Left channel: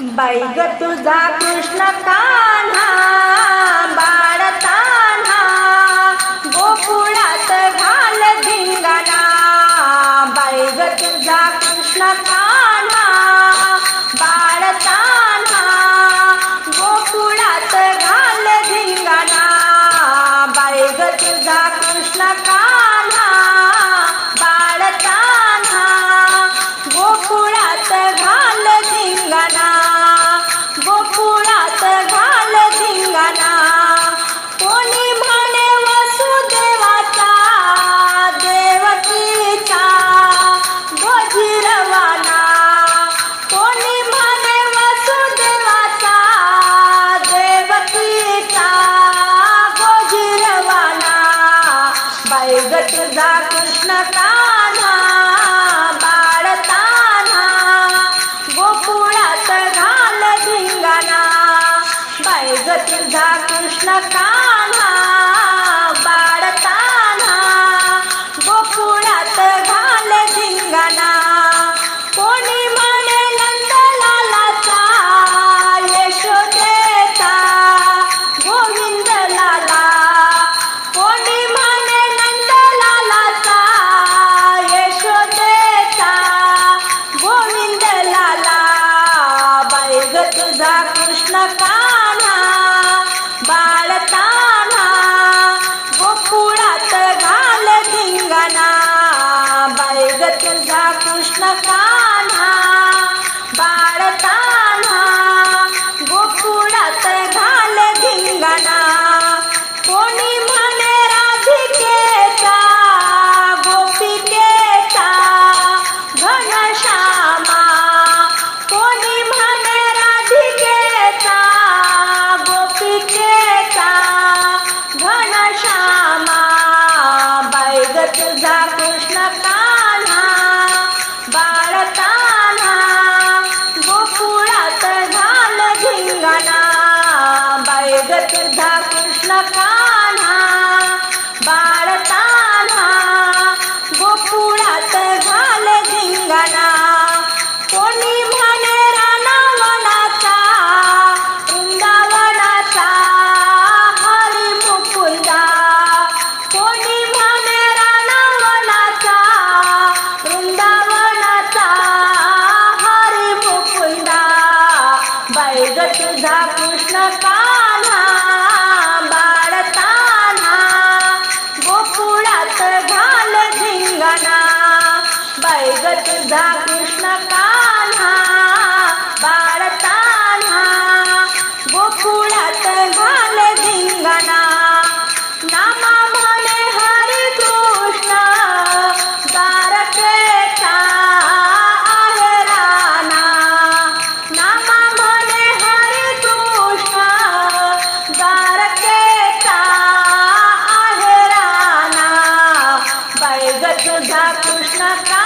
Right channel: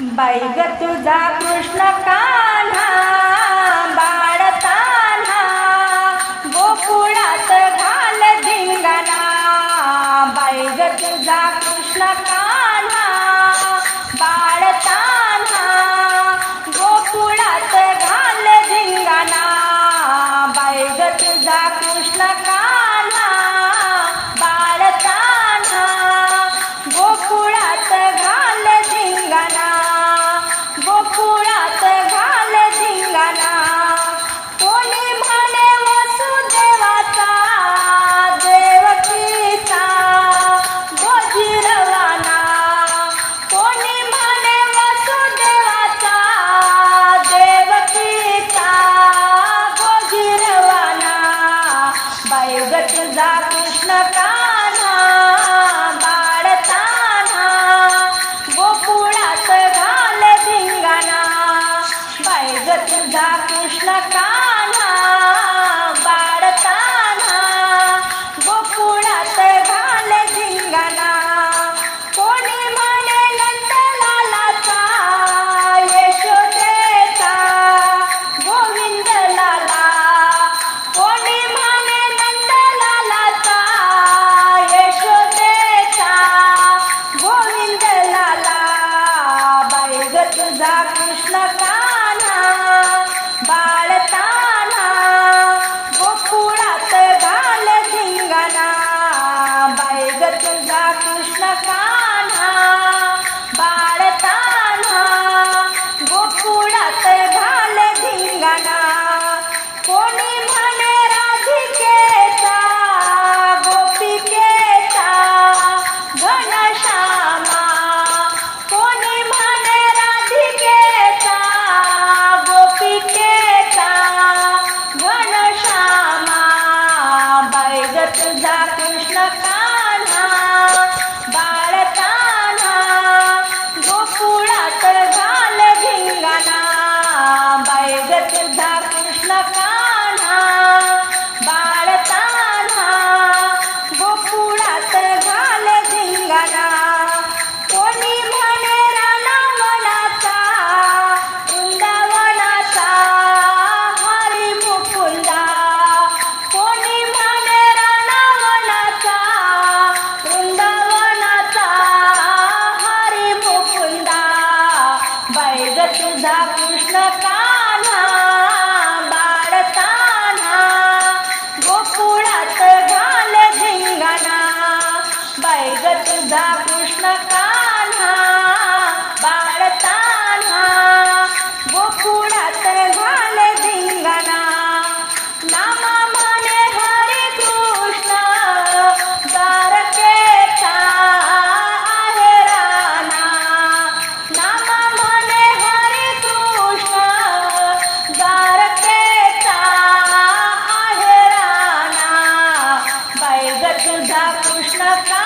बाई ग तुझा कृष्ण कान्हा बाळताना गोकुळात घाल धिंगाणा. बाई ग तुझा कृष्ण कान्हा बाळताना गोकुळात घाल धिंगाणा. बाई ग तुझा कृष्ण कान्हा बाई कृष्ण कान्हा बाळताना गोकुळात घाल झिंगाना बाई तुझा कृष्ण काना बाळताना गोकुळात घाल धिंगाणा. बाई तुझा कृष्ण काना गोकुळात घाल धिंगाणा. बाई ग कृष्ण का तुझा कृष्ण कान्हा बाळताना गोकुळात घाल धिंगाणा. बाई तुझा कृष्ण Canadá.